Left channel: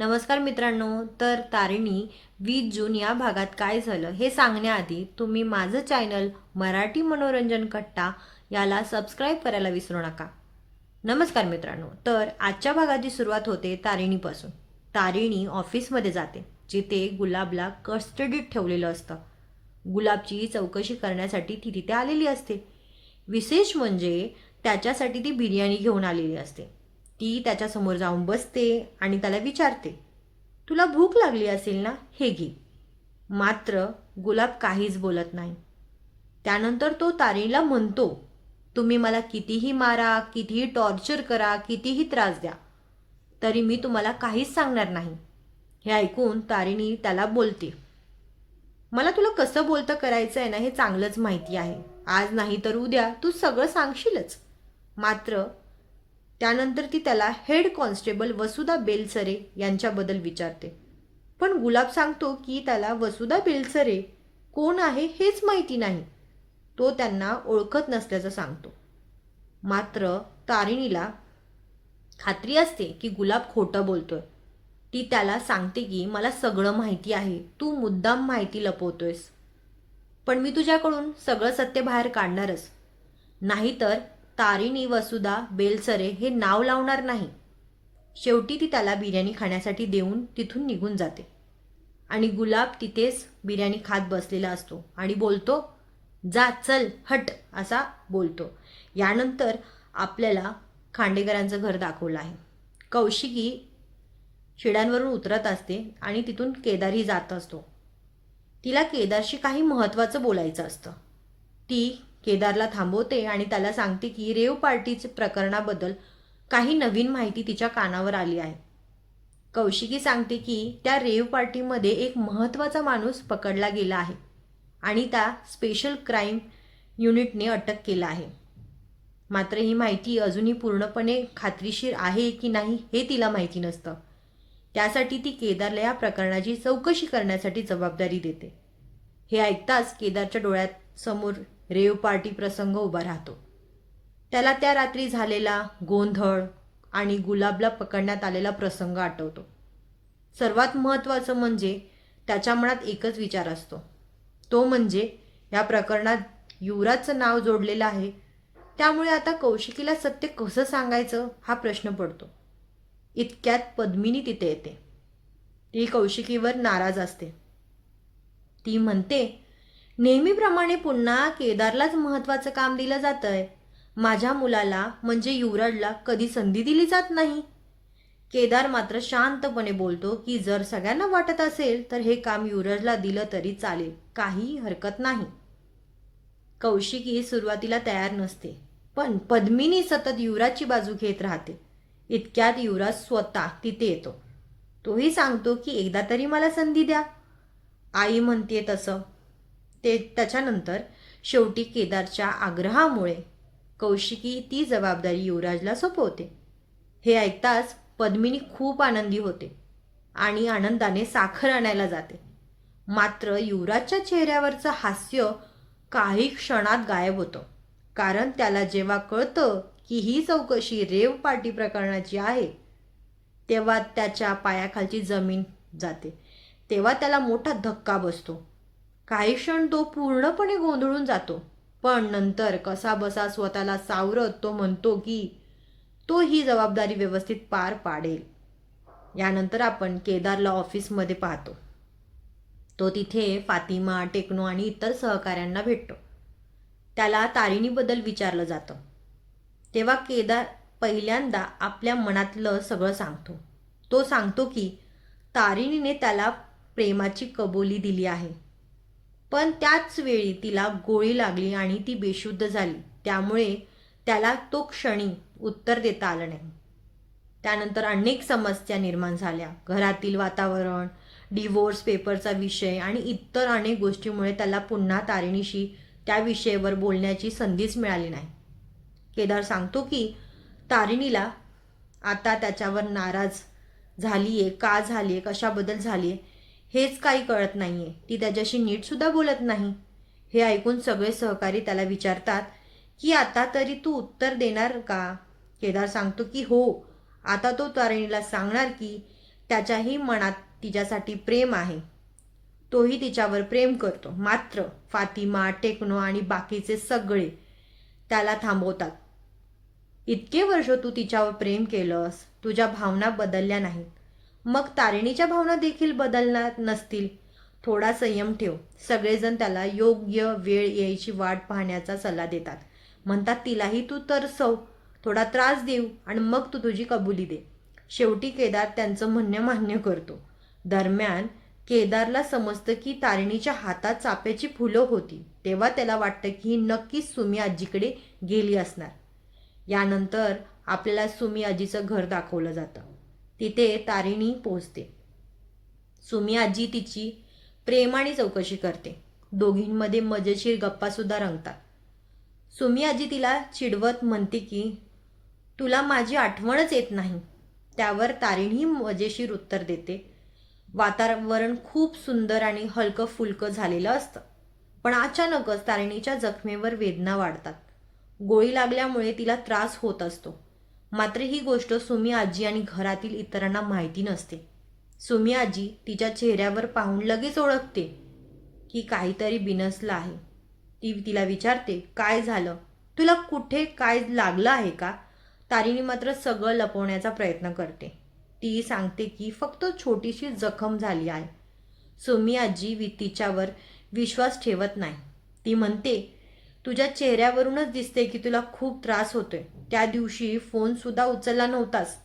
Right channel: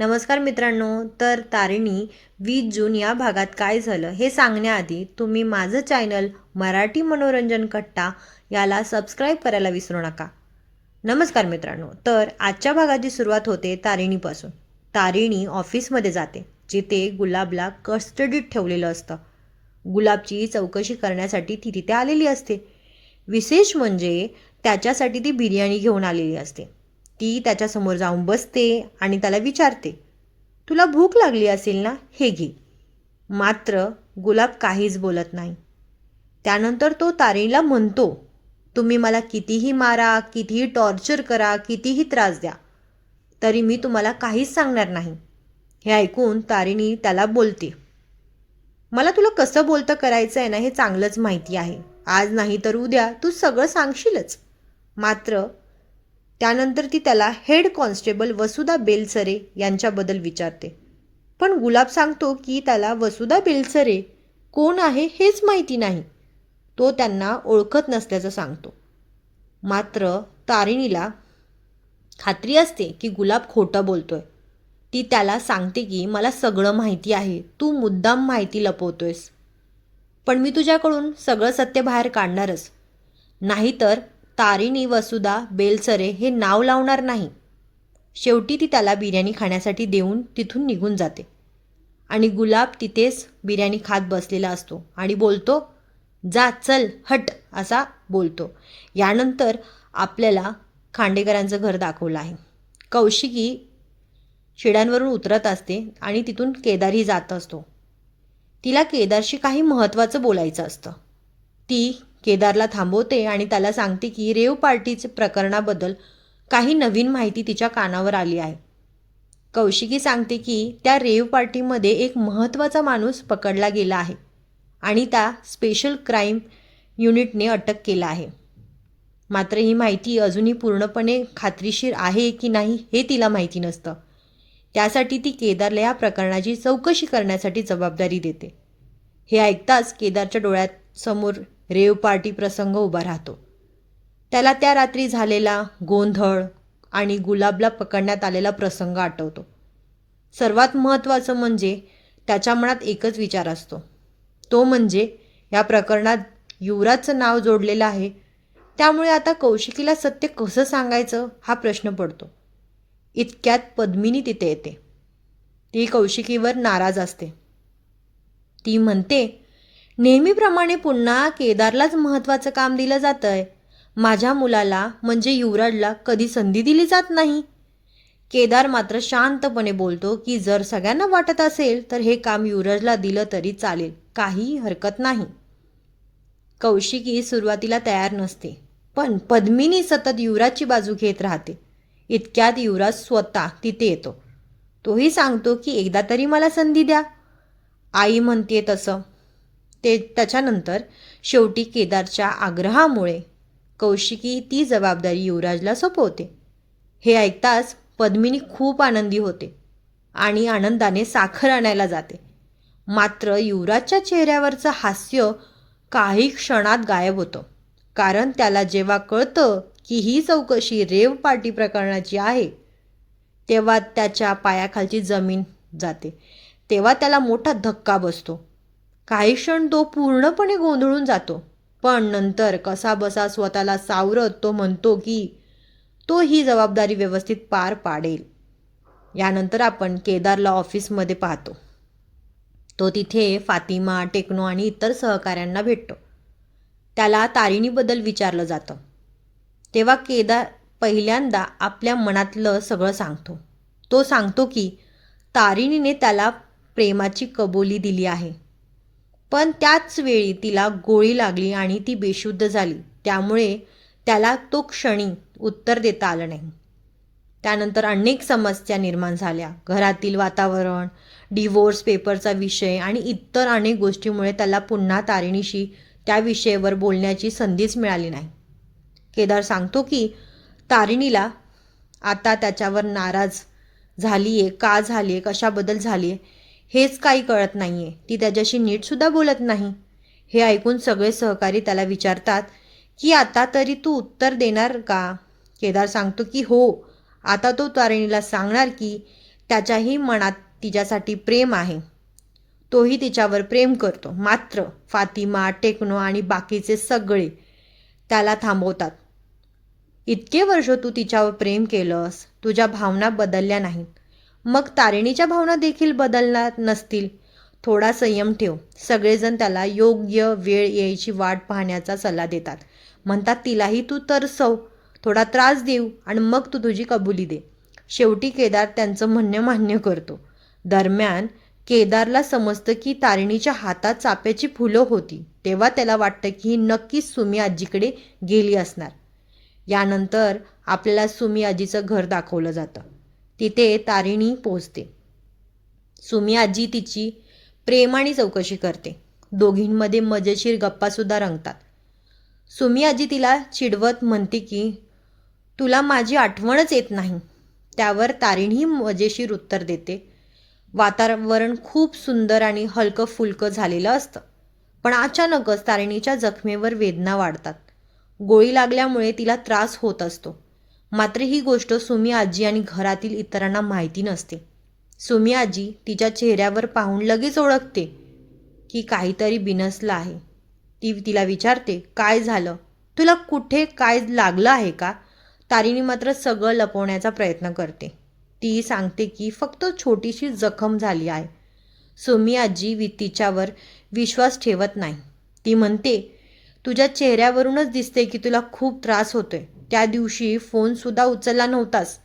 नमस्कार मित्रांनो. तर तारिणी 20 जून या भागात काय झालं हे सांगण्याआधी तुम्ही माझं चॅनल मराठी मनोरंजन कट्टा याला सबस्क्राईब करायला विसरू नका. नमस्कार मित्रांनो. तर आजच्या भागाची सुरुवात होते तारिणीपासून. तारिणी ऑफिसमध्ये जाते जिथे गुलाबला कस्टडीत ठेवलेलं असतं. गुलाबची चौकशी करण्यासाठी ती तिथे आलेली असते. विशेष म्हणजे त्याच्यासाठी ती बिर्याणी घेऊन आलेली असते. ती त्याच्यासमोर जाऊन बसते आणि त्याला विचारते, तुला भूक लागली असेल ना, हे घे. मात्र गुलाब काहीच बोलत नाही. त्यानंतर तो तारिणीला म्हणतो, तुम्ही मला कितीही मारा, कितीही टॉर्चर करा, कितीही त्रास द्या, तरी मी तुम्हाला काहीच सांगणार नाही. हे ऐकून तारिणी त्याला बोलते, मला तुला कसं बोलतं करायचं आहे ना हे चांगलंच माहिती आहे. आज नाही तर उद्या तू सगळं सांगशीलच. मात्र त्यानंतर ती त्याला हेड कॉन्स्टेबल वसुधा बेलसरे यांच्याबद्दल विचारते. पण गुलाब सांगतो की त्याला वसुधा बेलसरे कोण आहे हेच माहिती नाही. तो त्यांना ओळखत नसल्याचं सांगतो. मात्र तारिणीला खात्री असते की गुलाब खोटं बोलतोय. ती त्याला सांगते की मला सगळं माहिती आहे, तू मुद्दाम माहिती लपवतोयस. पण मी तुझ्याकडून सगळं सत्य बाहेर काढणारच. नाहीतर तारिणी वसुधा बेलसरे हे नाव लावणार नाही. शेवटी ती त्याला बिर्याणी खाण्यासाठी देऊन तिथून निघून जाते. आणि गुलाब तिथेच बिर्याणी खात बसलेला असतो आणि बोलतो, जा चल हट असा बोलतो. यानंतर आपल्याला खांडेकरांचं घर दाखवलं आहे. कौशिकी शिड्यांवरून उतरत असते आणि तिथून केदारही जात असतो. तिला केदारशी काही महत्त्वाचं बोलायचं असतं. ती केदारला थांबवते आणि त्याला सांगते की रेव पार्टीच्या प्रकरणाबद्दल काही नवीन माहिती तिच्या कानावर आली आहे. कौशिकी सांगते की त्या रेव पार्टीमध्ये एक महत्त्वाचा माणूस पकडला गेला आहे आणि त्या स्पेशल क्राईम युनिटने अटक केला आहे. मात्र ही माहिती अजूनही पूर्णपणे खात्रीशीर आहे की नाही हे तिला माहिती नसतं. त्यासाठी ती केदारला या प्रकरणाची चौकशी करण्यासाठी जबाबदारी देते. हे ऐकताच केदारच्या डोळ्यात समोर रेव पार्टी प्रसंग उभा राहतो. त्याला त्या रात्री झालेला गोंधळ आणि गुलाबला पकडण्यात आलेला प्रसंग आठवतो. सर्वात महत्त्वाचं म्हणजे त्याच्या मनात एकच विचार असतो, तो म्हणजे या प्रकरणात युवराजचं नाव जोडलेलं आहे. त्यामुळे आता कौशिकीला सत्य कसं सांगायचं हा प्रश्न पडतो. इतक्यात पद्मिनी तिथे येते. ती कौशिकीवर नाराज असते. ती म्हणते, नेहमीप्रमाणे पुन्हा केदारलाच महत्त्वाचं काम दिलं जातंय. माझ्या मुलाला म्हणजे युवराजला कधी संधी दिली जात नाही. केदार मात्र शांतपणे बोलतो की जर सगळ्यांना वाटत असेल तर हे काम युवराजला दिलं तरी चालेल, काही हरकत नाही. कौशिकी सुरुवातीला तयार नसते, पण पद्मिनी सतत युवराजची बाजू घेत राहते. इतक्यात युवराज स्वतः तिथे येतो. तोही सांगतो की एकदा तरी मला संधी द्या. आई म्हणते तसं. त्याच्यानंतर शेवटी केदारच्या आग्रहामुळे कौशिकी ती जबाबदारी युवराजला सोपवते. हे ऐकताच पद्मिनी खूप आनंदी होते आणि आनंदाने साखर आणायला जाते. मात्र युवराजच्या चेहऱ्यावरचं हास्य काही क्षणात गायब होतं. कारण त्याला जेव्हा कळतं की ही चौकशी रेव पार्टी प्रकरणाची आहे, तेव्हा त्याच्या पायाखालची जमीन जाते. तेव्हा त्याला मोठा धक्का बसतो. काही क्षण तो पूर्णपणे गोंधळून जातो. पण नंतर कसाबसा स्वतःला सावरत तो म्हणतो की तो ही जबाबदारी व्यवस्थित पार पाडेल. यानंतर आपण केदारला ऑफिसमध्ये पाहतो. तो तिथे फातिमा, टेक्नो आणि इतर सहकाऱ्यांना भेटतो. त्याला तारिणीबद्दल विचारलं जातं. तेव्हा केदार पहिल्यांदा आपल्या मनातलं सगळं सांगतो. तो सांगतो की तारिणीने त्याला प्रेमाची कबुली दिली आहे, पण त्याच वेळी तिला गोळी लागली आणि ती बेशुद्ध झाली. त्यामुळे त्याला तो क्षणी उत्तर देता आलं नाही. त्यानंतर अनेक समस्या निर्माण झाल्या. घरातील वातावरण, डिवोर्स पेपरचा विषय आणि इतर अनेक गोष्टीमुळे त्याला पुन्हा तारिणीशी त्या विषयावर बोलण्याची संधीच मिळाली नाही. केदार सांगतो की तारिणीला आता त्याच्यावर नाराज झालीये, का झालीये, कशाबद्दल झालीये हेच काही कळत नाहीये. ती त्याच्याशी नीटसुद्धा बोलत नाही. हे ऐकून सगळे सहकारी त्याला विचारतात की आता तरी तू उत्तर देणार का? केदार सांगतो की हो, आता तो तारिणीला सांगणार की त्याच्याही मनात तिच्यासाठी प्रेम आहे. तोही तिच्यावर प्रेम करतो. मात्र फातिमा, टेक्नो आणि बाकीचे सगळे त्याला थांबवतात. इतके वर्ष तू तिच्यावर प्रेम केलंस, तुझ्या भावना बदलल्या नाहीत. मग तारिणीच्या भावना देखील बदलणार नसतील. थोडा संयम ठेव. सगळेजण त्याला योग्य वेळ यायची वाट पाहण्याचा सल्ला देतात. म्हणतात तिलाही तू तरसव, थोडा त्रास देऊ आणि मग तू तुझी कबुली दे. शेवटी केदार त्यांचं म्हणणं मान्य करतो. दरम्यान केदारला समजतं की तारिणीच्या हातात चाफ्याची फुलं होती. तेव्हा त्याला वाटतं की ही नक्कीच सुमी आजीकडे गेली असणार. यानंतर आपल्याला सुमी आजीचं घर दाखवलं जातं. तिथे तारिणी पोहोचते. सुमी आजी तिची प्रेमाने चौकशी करते. दोघींमध्ये मजेशीर गप्पासुद्धा रंगतात. सुमी आजी तिला चिडवत म्हणते की तुला माझी आठवणच येत नाही. त्यावर तारिणी मजेशीर उत्तर देते, वातावरण खूप सुंदर आणि हलकं फुलकं झालेलं असतं. पण अचानकच तारिणीच्या जखमेवर वेदना वाढतात. गोळी लागल्यामुळे तिला त्रास होत असतो. मात्र ही गोष्ट सुमी आजी आणि घरातील इतरांना माहिती नसते. सुमी आजी तिच्या चेहऱ्यावर पाहून लगेच ओळखते की काहीतरी बिनसलं आहे. ती तिला विचारते, काय झालं? तुला कुठे काय लागलं आहे का? तारिणी मात्र सगळं लपवण्याचा प्रयत्न करते. ती सांगते की फक्त छोटीशी जखम झाली आहे. सुमी आजी तिच्यावर विश्वास ठेवत नाही. ती म्हणते, तुझ्या चेहऱ्यावरूनच दिसते की तुला खूप त्रास होतोय. त्या दिवशी फोनसुद्धा उचलला नव्हतास.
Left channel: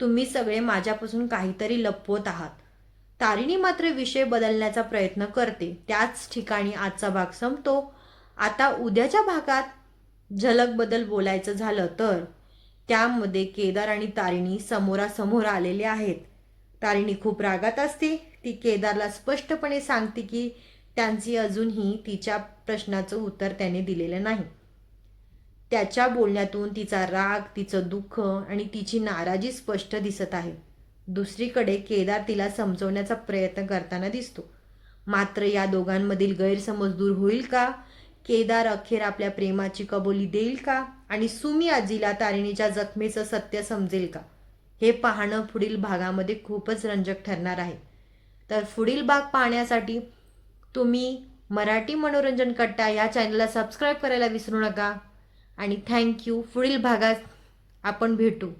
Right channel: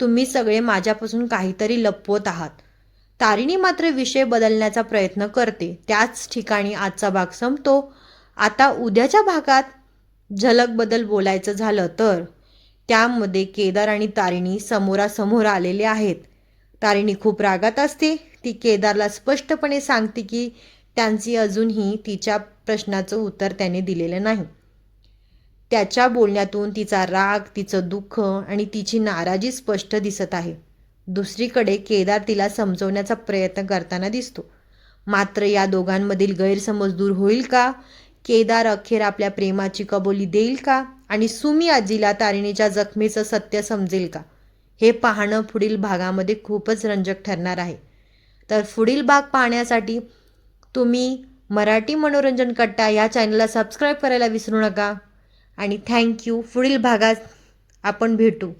तुम्ही सगळे माझ्यापासून काहीतरी लपवत आहात. तारिणी मात्र विषय बदलण्याचा प्रयत्न करते. त्याच ठिकाणी आजचा भाग संपतो. आता उद्याच्या भागात झलकबद्दल बोलायचं झालं तर त्यामध्ये केदार आणि तारिणी समोरासमोर आलेले आहेत. तारिणी खूप रागात असते. ती केदारला स्पष्टपणे सांगते की त्यांची अजूनही तिच्या प्रश्नाचं उत्तर त्याने दिलेलं नाही. त्याच्या बोलण्यातून तिचा राग, तिचं दुःख आणि तिची नाराजी स्पष्ट दिसत आहे. दुसरीकडे केदार तिला समजवण्याचा प्रयत्न करताना दिसतो. मात्र या दोघांमधील गैरसमज दूर होईल का? केदार अखेर आपल्या प्रेमाची कबुली देईल का? आणि सुमी आजीला तारिणीच्या जखमेचं सत्य समजेल का? हे पाहणं पुढील भागामध्ये खूपच रंजक ठरणार आहे. तर पुढील भाग पाहण्यासाठी तुम्ही मराठी मनोरंजन कट्टा या चॅनलला सबस्क्राईब करायला विसरू नका. आणि थँक्यू. पुढील भागात आपण भेटू.